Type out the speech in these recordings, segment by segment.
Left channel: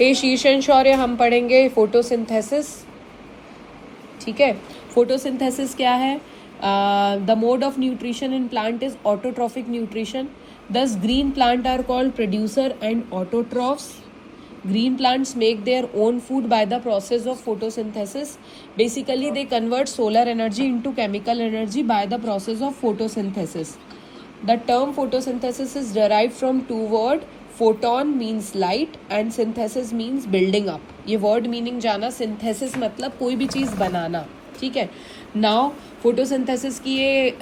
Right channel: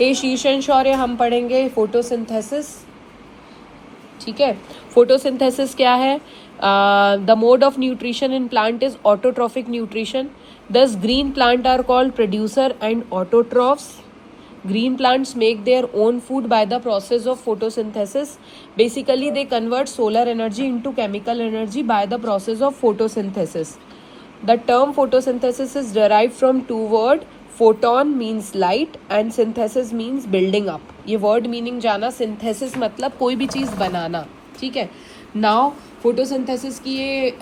हे शीर्षण शौर्य हम पढ़ेंगे फोटोसिंथेसिस। ठीक है, फोटोसिंथेसिस क्या है? The mode of nutrition in plant is autotrophic nutrition. Thus green plant are called producer and autotrophs. Green plants make their own food by the process of photosynthesis. Basically, they convert solar energy into chemical energy by the process of photosynthesis. The term photosynthesis is derived from two words. Photon means light and synthesis means building up. ये word meaning जाना, synthesis मतलब कोई भी चीज़ बनाना. ठीक है. Now photosynthesis की ये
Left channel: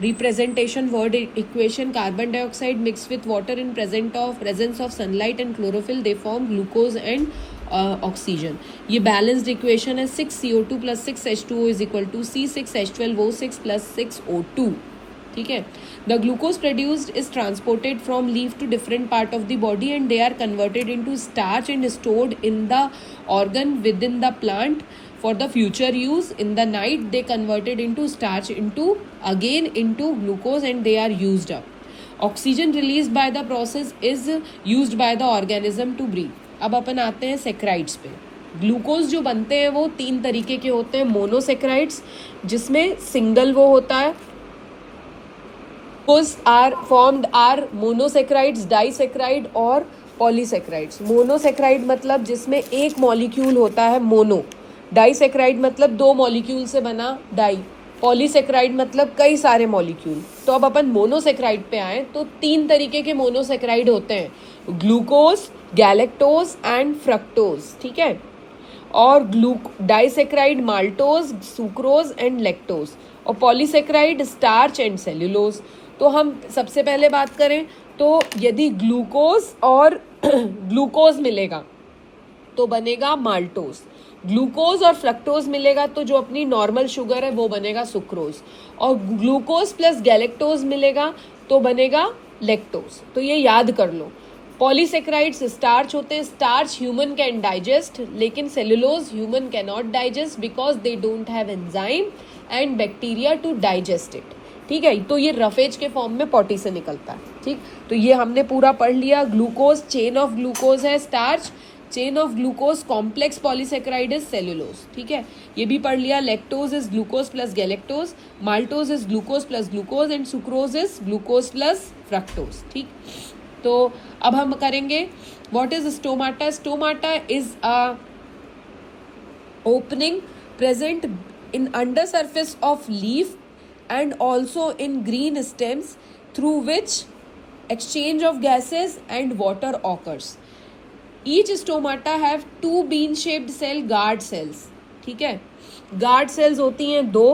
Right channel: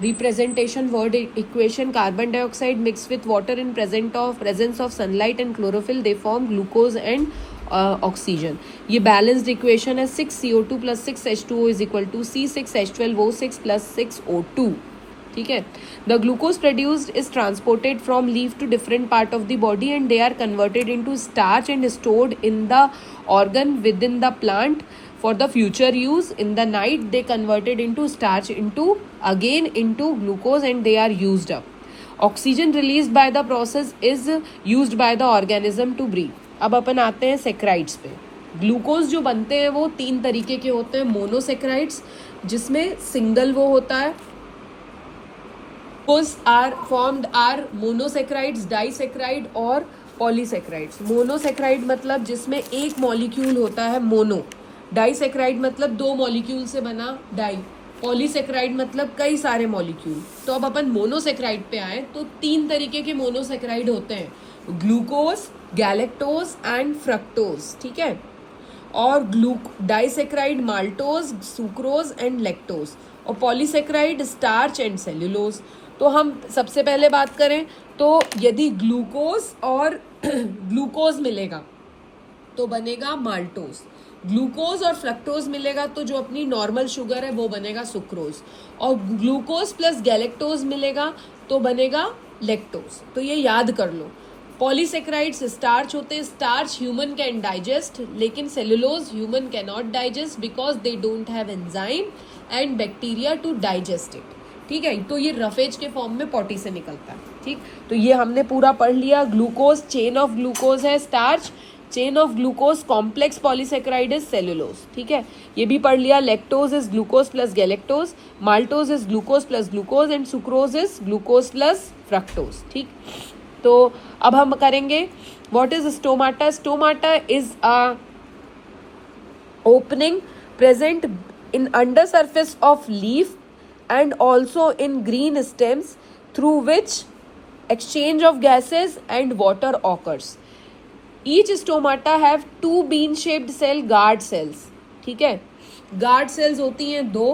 representation word equation, carbon dioxide mix with water in presence of sunlight and chlorophyll, they form glucose and oxygen. ये बैलेंस्ड इक्वेशन है. 6 CO2 + 6 H2O is equal to C6 H12O6 + 6 O2. ठीक है. The glucose produced is transported from leaf to different part of the body and they are converted into starch and stored in the organ within the plant for the future use. In the night they converted into starch into glucose and they are used up. Oxygen released by the process is used by the organism to breathe. अब अपन आते हैं saccharides पे. Glucose जो बनते हैं वो 3 तरीके के होते हैं. मोनोसेक्राइड्स जिसमें सिंगल वो होता है. आर मोनोसेक्राइड्स, डाइसेक्राइड और पॉलीसेक्राइड्स. मोनोसेक्राइड मतलब जिसमें एक मॉलिक्यूल होता है मोनो. डाइसेक्राइड मतलब 2 मॉलिक्यूल से बना डाई. पॉलीसेक्राइड मतलब कई सारे मॉलिक्यूल. तो अब अपन मोनोसेक्राइड पे आए तो 3 तरीके के मोनोसेक्राइड होते हैं. Glucose, galactose and fructose. ठीक है. और disaccharide maltose, sucrose and lactose. और पॉलीसेक्राइड स्टार्च एंड सेल्यूलोज. तो हम सबसे पहले बात करें तो यदि ग्लूकोज और ग्लूकोज मिलेगा तो बनेगा माल्टोज. ग्लूकोज और फ्रक्टोज मिलेगा तो जो अपनी नॉर्मल शुगर है वो बनेगा सुक्रोज. और ग्लूकोज प्लस गैलेक्टोज मिलेगा तो बनेगा लेक्टोज. तो ये याद कर लो. पॉलीसेक्राइड्स स्टार्च होते हैं. स्टार्च ह्यूमन कैन डाइजेस्ट, लेकिन cellulose human can not digest because they don't have enzyme and bacteria to digest it. ठीक है. तो ये रफेज के फॉर्म में पॉटी से निकलता है. ठीक. तो ये हमने पूरा पढ़ लिया. ग्लूकोज चेन ऑफ ग्लूकोज है starch. Chain of glucose complex polysaccharide is cellulose. ठीक है. ये भी पढ़ लिया. Lactose is glucose plus galactose, maltose is glucose plus glucose and sucrose is glucose plus fructose. ठीक. तो अब हम करेंगे what is stomata. Stomata is a opening present in under surface of leaf and also in green stems through which exchange of gases and water occurs. Each stomata have 2 bean shaped cell guard cells. ठीक है. guard cells होती हैं 2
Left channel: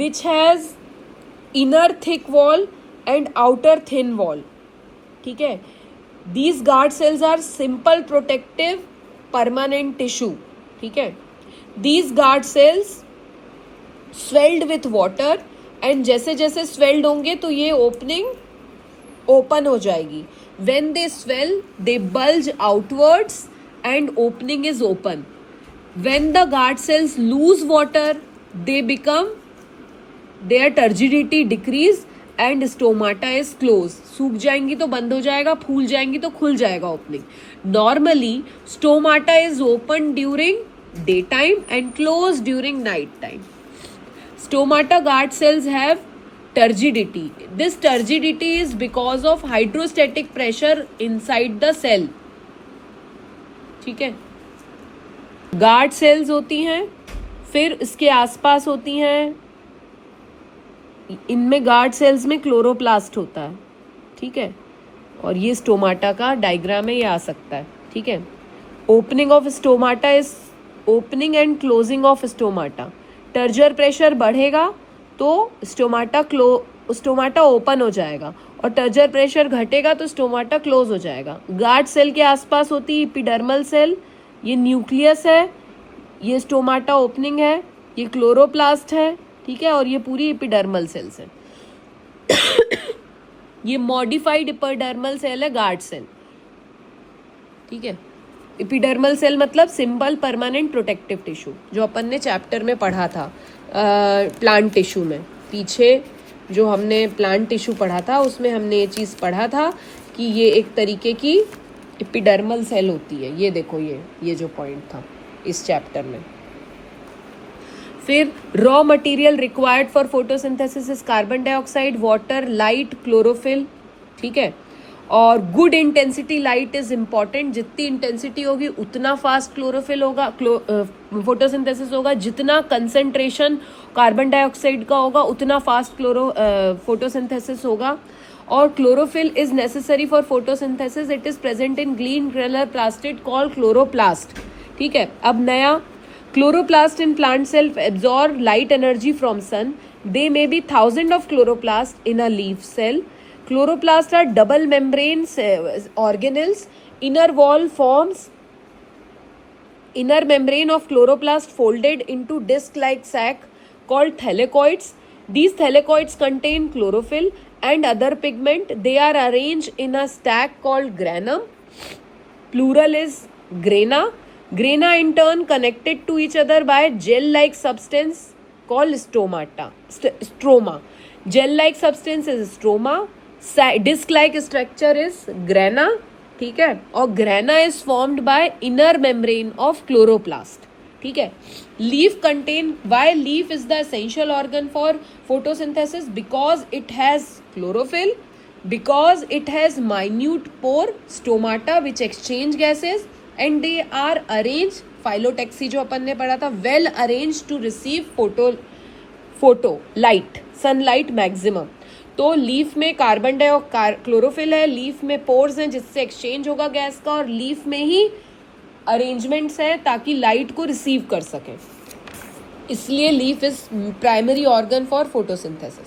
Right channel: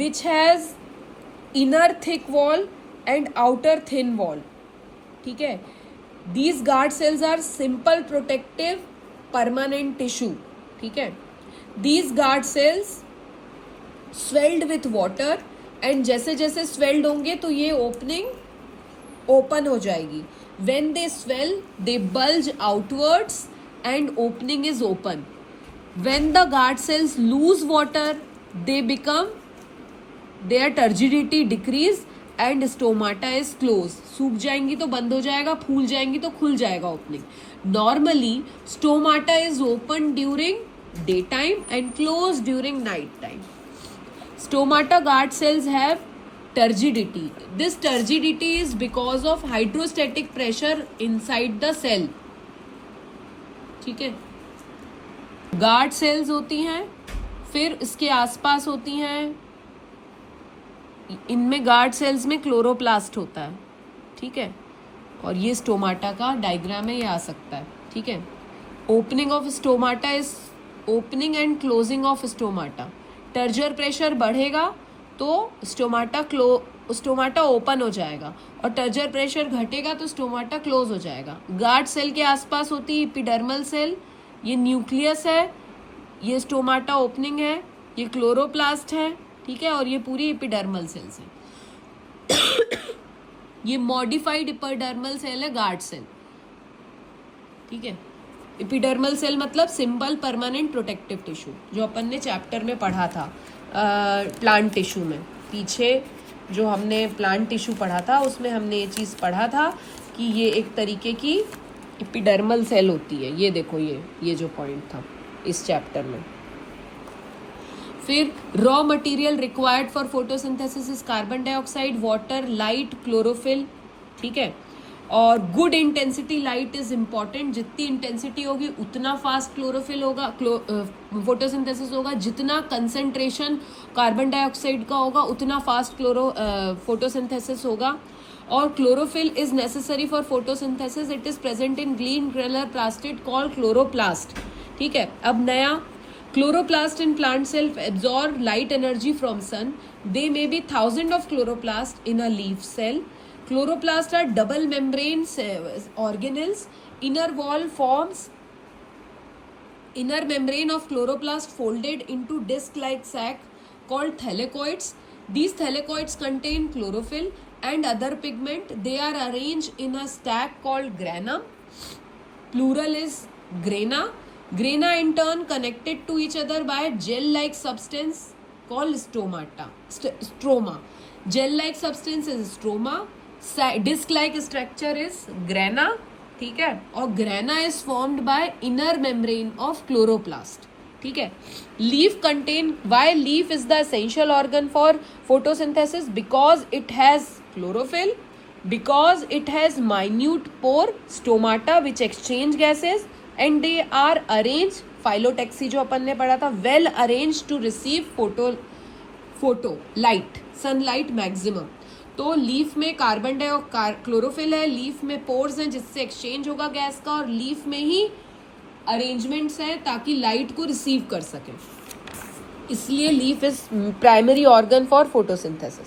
which has inner thick wall and outer thin wall. ठीक है. These guard cells are simple protective permanent tissue. ठीक है. These guard cells swelled with water and जैसे जैसे स्वेल्ड होंगे तो ये ओपनिंग ओपन हो जाएगी. When they swell they bulge outwards and opening is open. When the guard cells loose water they become their turgidity decrease and stomata is close. सूख जाएंगी तो बंद हो जाएगा, फूल जाएंगी तो खुल जाएगा opening. Normally stomata is open during day time and close during night time. Stomata guard cells have turgidity. This turgidity is because of hydrostatic pressure inside the cell. ठीक है. गार्ड सेल्स होती हैं, फिर इसके आसपास होती हैं. इनमें गार्ड सेल्स में क्लोरोप्लास्ट होता है. ठीक है. और ये स्टोमाटा का डायग्राम है, ये आ सकता है. ठीक है. Opening of stomata is opening and closing of stomata. Turgor pressure बढ़ेगा तो स्टोमाटा ओपन हो जाएगा और टर्जर प्रेशर घटेगा तो स्टोमाटा क्लोज हो जाएगा. गार्ड सेल के आसपास होती है एपिडर्मल सेल. ये न्यूक्लियस है, ये स्टोमाटा ओपनिंग है, ये क्लोरोप्लास्ट है. ठीक है. और ये पूरी एपिडर्मल सेल्स है. ये मॉडिफाइड एपिडर्मल सेल है गार्ड सेल. ठीक है. एपिडर्मल सेल मतलब सिंपल परमानेंट प्रोटेक्टिव टिश्यू, जो अपन ने चैप्टर में पढ़ा था प्लांट टिश्यू में. पीछे जो हमने प्लांट टिश्यू पढ़ा था उसमें हमने ये चीज़ पढ़ा था कि ये एक तरीके की एपिडर्मल सेल होती है, ये देखो ये जो पॉइंट था इस चैप्टर में। फिर raw material required for photosynthesis is carbon dioxide, water, light, chlorophyll, ठीक है। और good intensity light is important, जितनी इंटेंसिटी होगी उतना फास्ट क्लोरोफिल होगा, फोटोसिंथेसिस होगा, जितना कंसेंट्रेशन कार्बन डाइऑक्साइड का होगा उतना फास्ट फोटोसिंथेसिस होगा। और chlorophyll is necessary for photosynthesis, it is present in green colour plastid called chloroplast, ठीक है। अब नया, chloroplast in plant cell absorb light energy from sun. They may be thousands of chloroplasts in a leaf cell. Chloroplasts are double membrane organelles. Inner membrane of chloroplast folded into disc-like sac called thylakoids. These thylakoids contain chlorophyll and other pigment. They are arranged in a stack called granum. Plural is grana. Grana in turn connected to each other by gel-like substance called stroma. Gel-like substance is stroma. Disc-like structure is grana, ठीक है। और grana is formed by inner membrane of chloroplast, ठीक है। Leaf contain, why leaf is the essential organ for photosynthesis? Because it has chlorophyll, because it has minute pore stomata which exchange gases, and they are arranged, phyllotaxy जो अपन ने पढ़ा था, well arranged to receive photo light, sunlight maximum। तो leaf में carbon dioxide, chlorophyll है, leaf में pores हैं जिससे एक्सचेंज होगा गैस का, और लीफ में ही अरेंजमेंट्स हैं ताकि लाइट को रिसीव कर सकें, इसलिए leaf is primary organ for photosynthesis.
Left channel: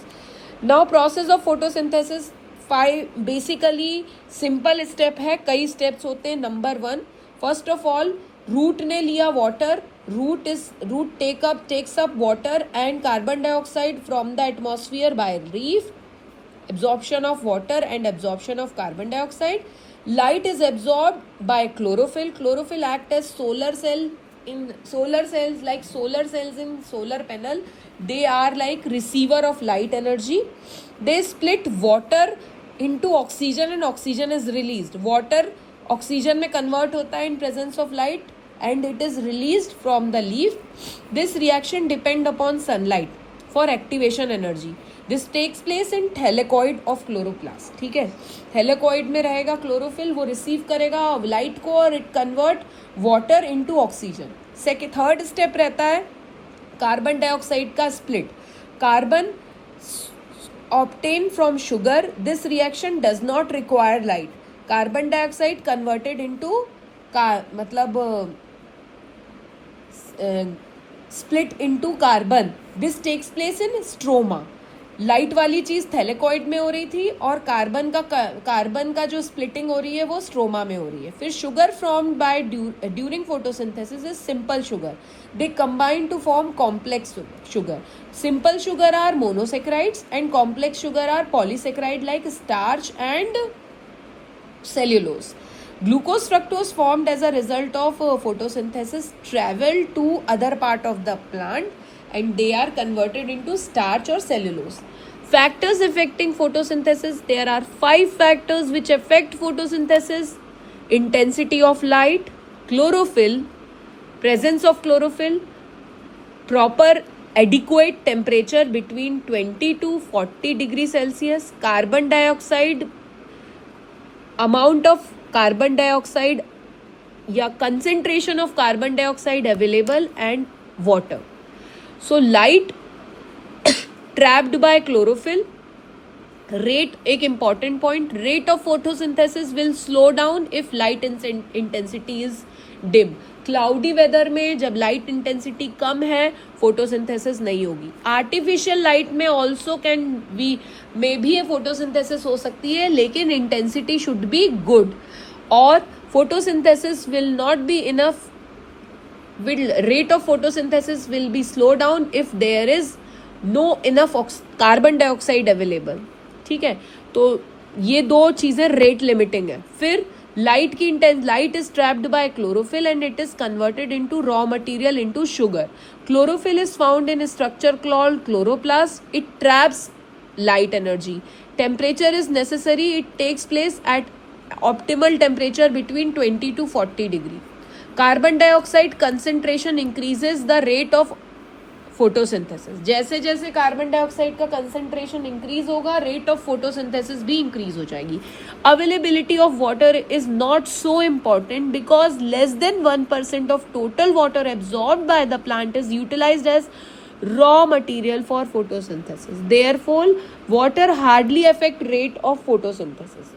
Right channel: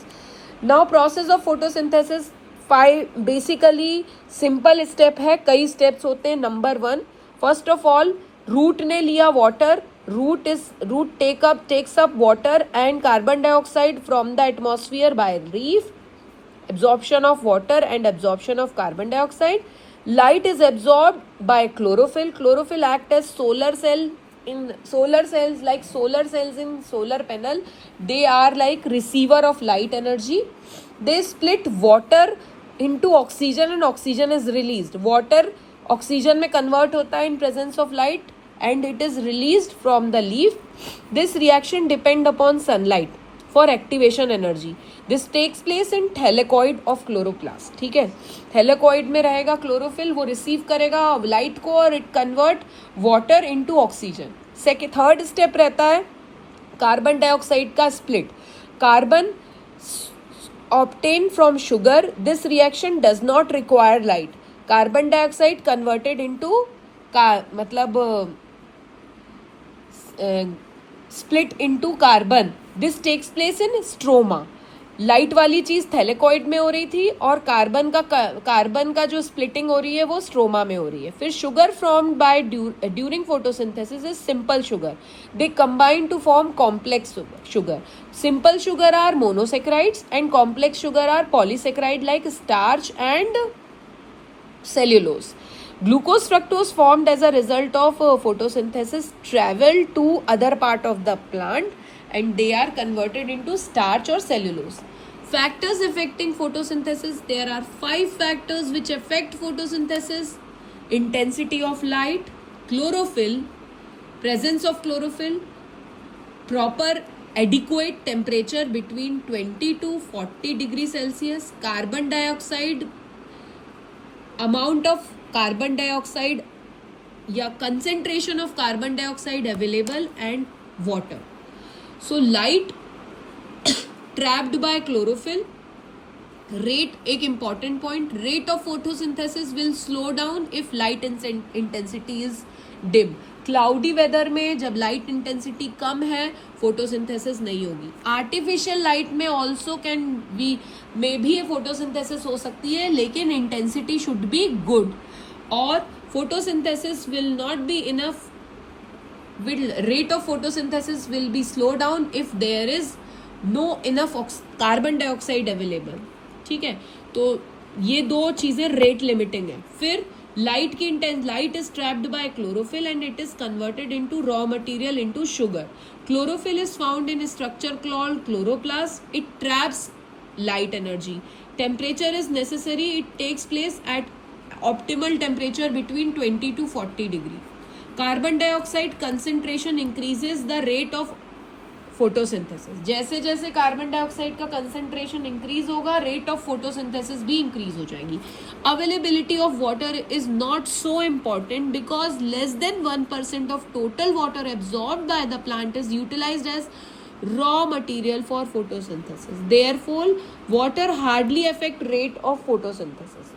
Now process of photosynthesis 5 basically simple step है, कई स्टेप्स होते हैं। Number 1, first of all root ने लिया water, root takes up water and carbon dioxide from the atmosphere by leaf, absorption of water and absorption of carbon dioxide. Light is absorbed by chlorophyll. Chlorophyll act as solar cell in solar cells, like solar cells in solar panel. They are like receiver of light energy. They split water into oxygen and oxygen is released. Water oxygen में convert होता है in presence of light and it is released from the leaf. This reaction depend upon sunlight for activation energy. This takes place in thylakoid of chloroplast, ठीक है। Thylakoid में रहेगा chlorophyll, वो receive करेगा light को और it convert water into oxygen. Third step रहता है कार्बन डाइऑक्साइड का split, carbon obtain from sugar, this reaction does not require light, carbon dioxide converted into मतलब split into carbon, this takes place in stroma. Light वाली चीज thylakoid में हो रही थी और कार्बन का जो स्प्लिटिंग हो रही है वो स्ट्रोमा में हो रही है। फिर sugar formed by during photosynthesis is simple sugar, they combine to form complex sugar. Simple sugar are monosaccharides and complex sugar are polysaccharide like starch and cellulose. Glucose fructose formed as a result of photosynthesis travel to other part of the plant and they are converted into starch or cellulose. Factors affecting photosynthesis, there are 5 factors which affect photosynthesis: intensity of light, chlorophyll, presence of chlorophyll, proper adequate temperature between 20 to 40 degrees Celsius, carbon dioxide, amount of carbon dioxide या concentration of carbon dioxide available, and water. So light trapped by chlorophyll, rate एक important point, rate of photosynthesis will slow down if light intensity is dim. Cloudy weather में जब light intensity कम है photosynthesis नहीं होगी। Artificial light में also may भी photosynthesis हो सकती है लेकिन इंटेंसिटी शुड बी गुड, और photosynthesis will not be enough, rate of photosynthesis will be slowed down if there is no enough carbon dioxide available, ठीक है। तो ये 2 चीजें रेट लिमिटिंग है। फिर लाइट की light is trapped bye chlorophyll and it is converted into raw material into sugar. Chlorophyll is found in structure called chloroplast, it traps light energy. Temperature is necessary, it takes place at optimal temperature between 20 to 40 degree. Carbon dioxide concentration increases the rate of photosynthesis. जैसे जैसे carbon dioxide का concentration increase होगा, rate of photosynthesis भी increase हो जाएगी. Availability of water is not so important because less than 1% of total water absorbed by the plant is utilized as raw material for photosynthesis. Therefore, water hardly affect rate of photosynthesis.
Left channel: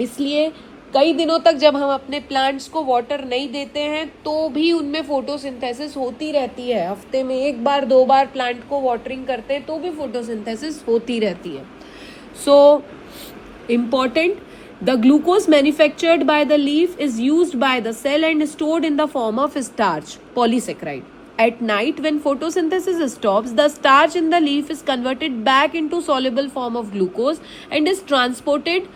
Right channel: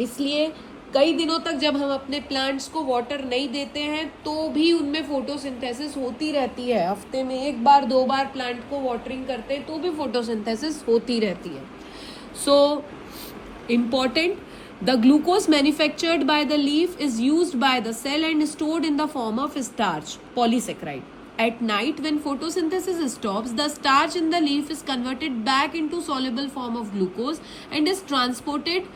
इसलिए कई दिनों तक जब हम अपने plants को water नहीं देते हैं तो भी उनमें फोटोसिंथेसिस होती रहती है. हफ्ते में 1 बार 2 बार प्लांट को वाटरिंग करते हैं तो भी फोटोसिंथेसिस होती रहती है. So important, the glucose manufactured by the leaf is used by the cell and stored in the form of starch, polysaccharide. At night, when photosynthesis stops, the starch in the leaf is converted back into soluble form of glucose and is transported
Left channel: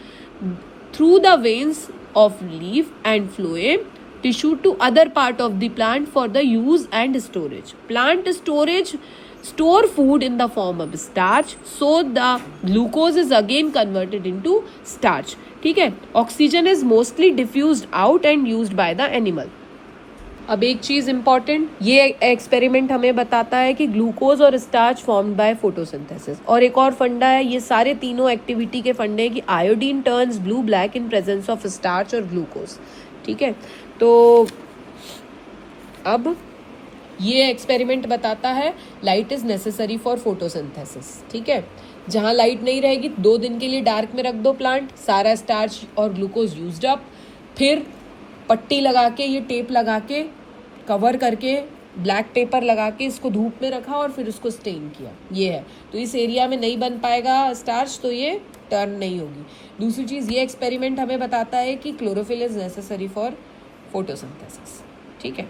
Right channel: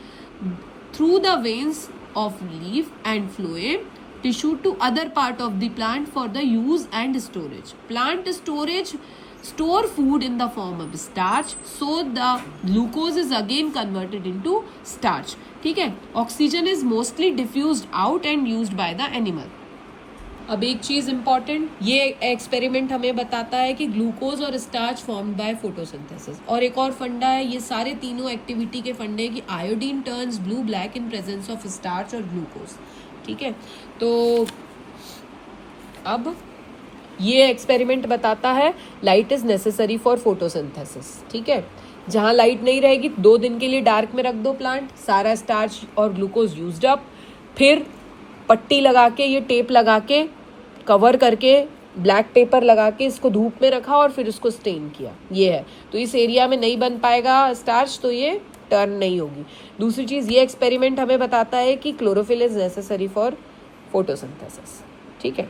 through the veins of leaf and phloem tissue to other part of the plant for the use and storage. Plant storage store food in the form of starch, so the glucose is again converted into starch. ठीक है. Oxygen is mostly diffused out and used by the animal. अब एक चीज important, ये experiment हमें बताता है कि ग्लूकोज और स्टार्च फॉर्म्ड बाय फोटोसिंथेसिस. और एक और फंडा है, ये सारे तीनों एक्टिविटी के फंडे हैं कि iodine turns blue black in presence of starch और ग्लूकोज. ठीक है. तो अब ये एक्सपेरिमेंट बताता है light is necessary for photosynthesis. ठीक है. जहाँ लाइट नहीं रहेगी 2 दिन के लिए डार्क में रख दो प्लांट, सारा स्टार्च और ग्लूकोज यूज्ड अप, फिर पट्टी लगा के, ये टेप लगा के कवर करके, ब्लैक पेपर लगा के इसको धूप में रखा और फिर उसको स्टेन किया. ये है. तो इस एरिया में नहीं बन पाएगा स्टार्च, तो ये टर्न नहीं होगी. दूसरी चीज, ये एक्सपेरिमेंट हमें बताता है कि chlorophyll is necessary for photosynthesis. ठीक है.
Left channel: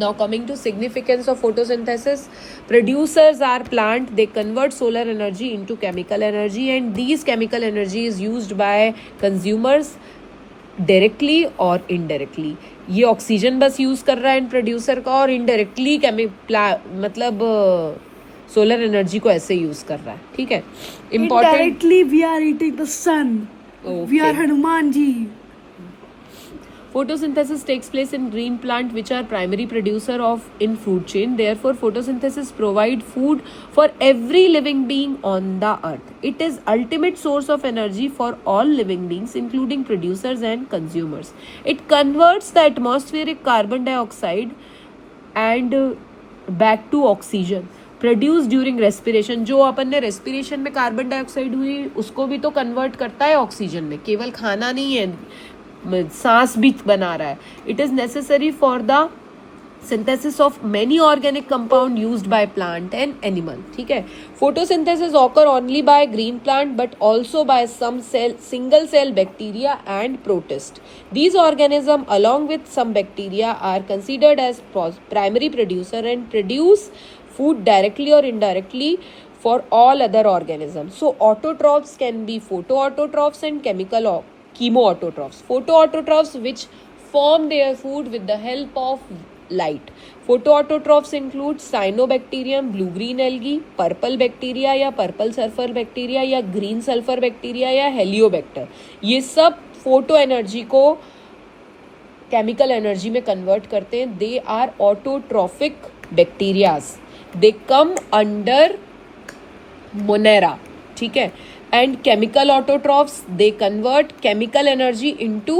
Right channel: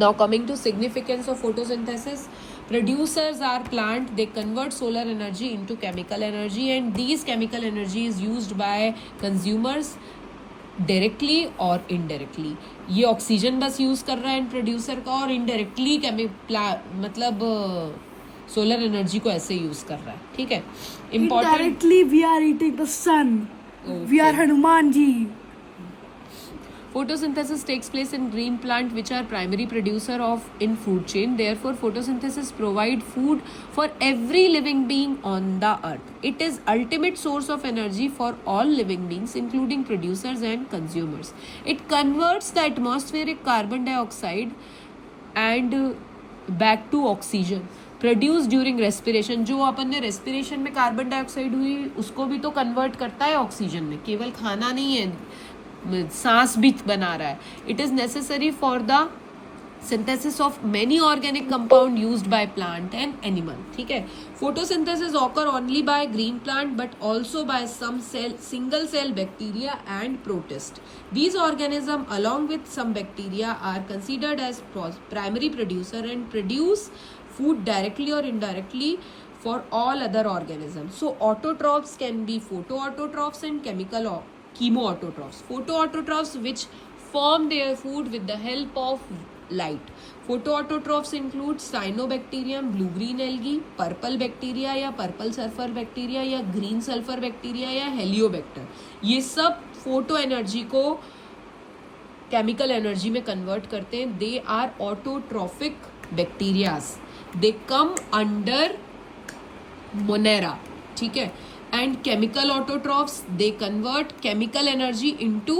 Now coming to significance of photosynthesis, producers are plant, they convert solar energy into chemical energy and these chemical energy is used by consumers directly और indirectly. ये oxygen बस use कर रहा है producer का और इनडायरेक्टली मतलब सोलर एनर्जी को ऐसे यूज कर रहा है. ठीक है. Indirectly we are eating the sun, we are Hanuman ji. Photosynthesis takes place in green plant which are primary producer of in food chain. Therefore, photosynthesis provide food for every living being on the earth. It is ultimate source of energy for all living beings including producers and consumers. It converts the atmospheric carbon dioxide and back to oxygen produced during respiration. जो अपन ने respiration में carbon dioxide हुई उसको भी तो convert करता है oxygen में. केवल खाना नहीं है, सांस भी बना रहा है. It is necessary for the synthesis of many organic compound used by plant and animal. ठीक है. Photosynthesis occur only by green plant but also by some single cell bacteria and protist. These organisms along with some bacteria are considered as primary producer and produce food directly or indirectly for all other organisms. So autotrophs can be photoautotrophs and chemical chemoautotrophs. Photoautotrophs which form their food with the help of light. Photoautotrophs include cyanobacterium, blue-green algae, purple bacteria या purple sulfur bacteria या green sulfur bacteria या heliobacter. ये सब photo energy को chemical energy में convert करते हैं. They are autotrophic bacterias. They come under monera. ठीक है. And chemical autotrophs, they convert chemical energy into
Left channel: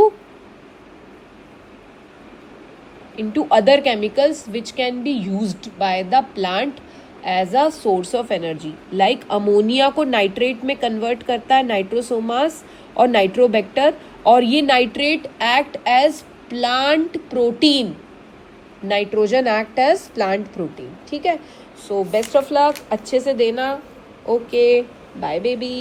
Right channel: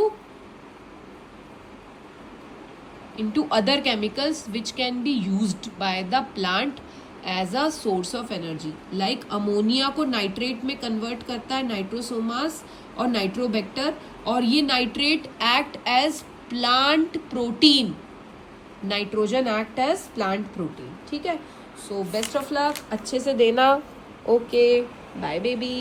other chemicals which can be used by the plant as a source of energy. Like ammonia को nitrate में convert करता है नाइट्रोसोमास और Nitrobacter, और ये nitrate act as plant protein. Nitrogen act as plant protein. ठीक है. So best of luck, अच्छे से देना. Okay. Bye baby.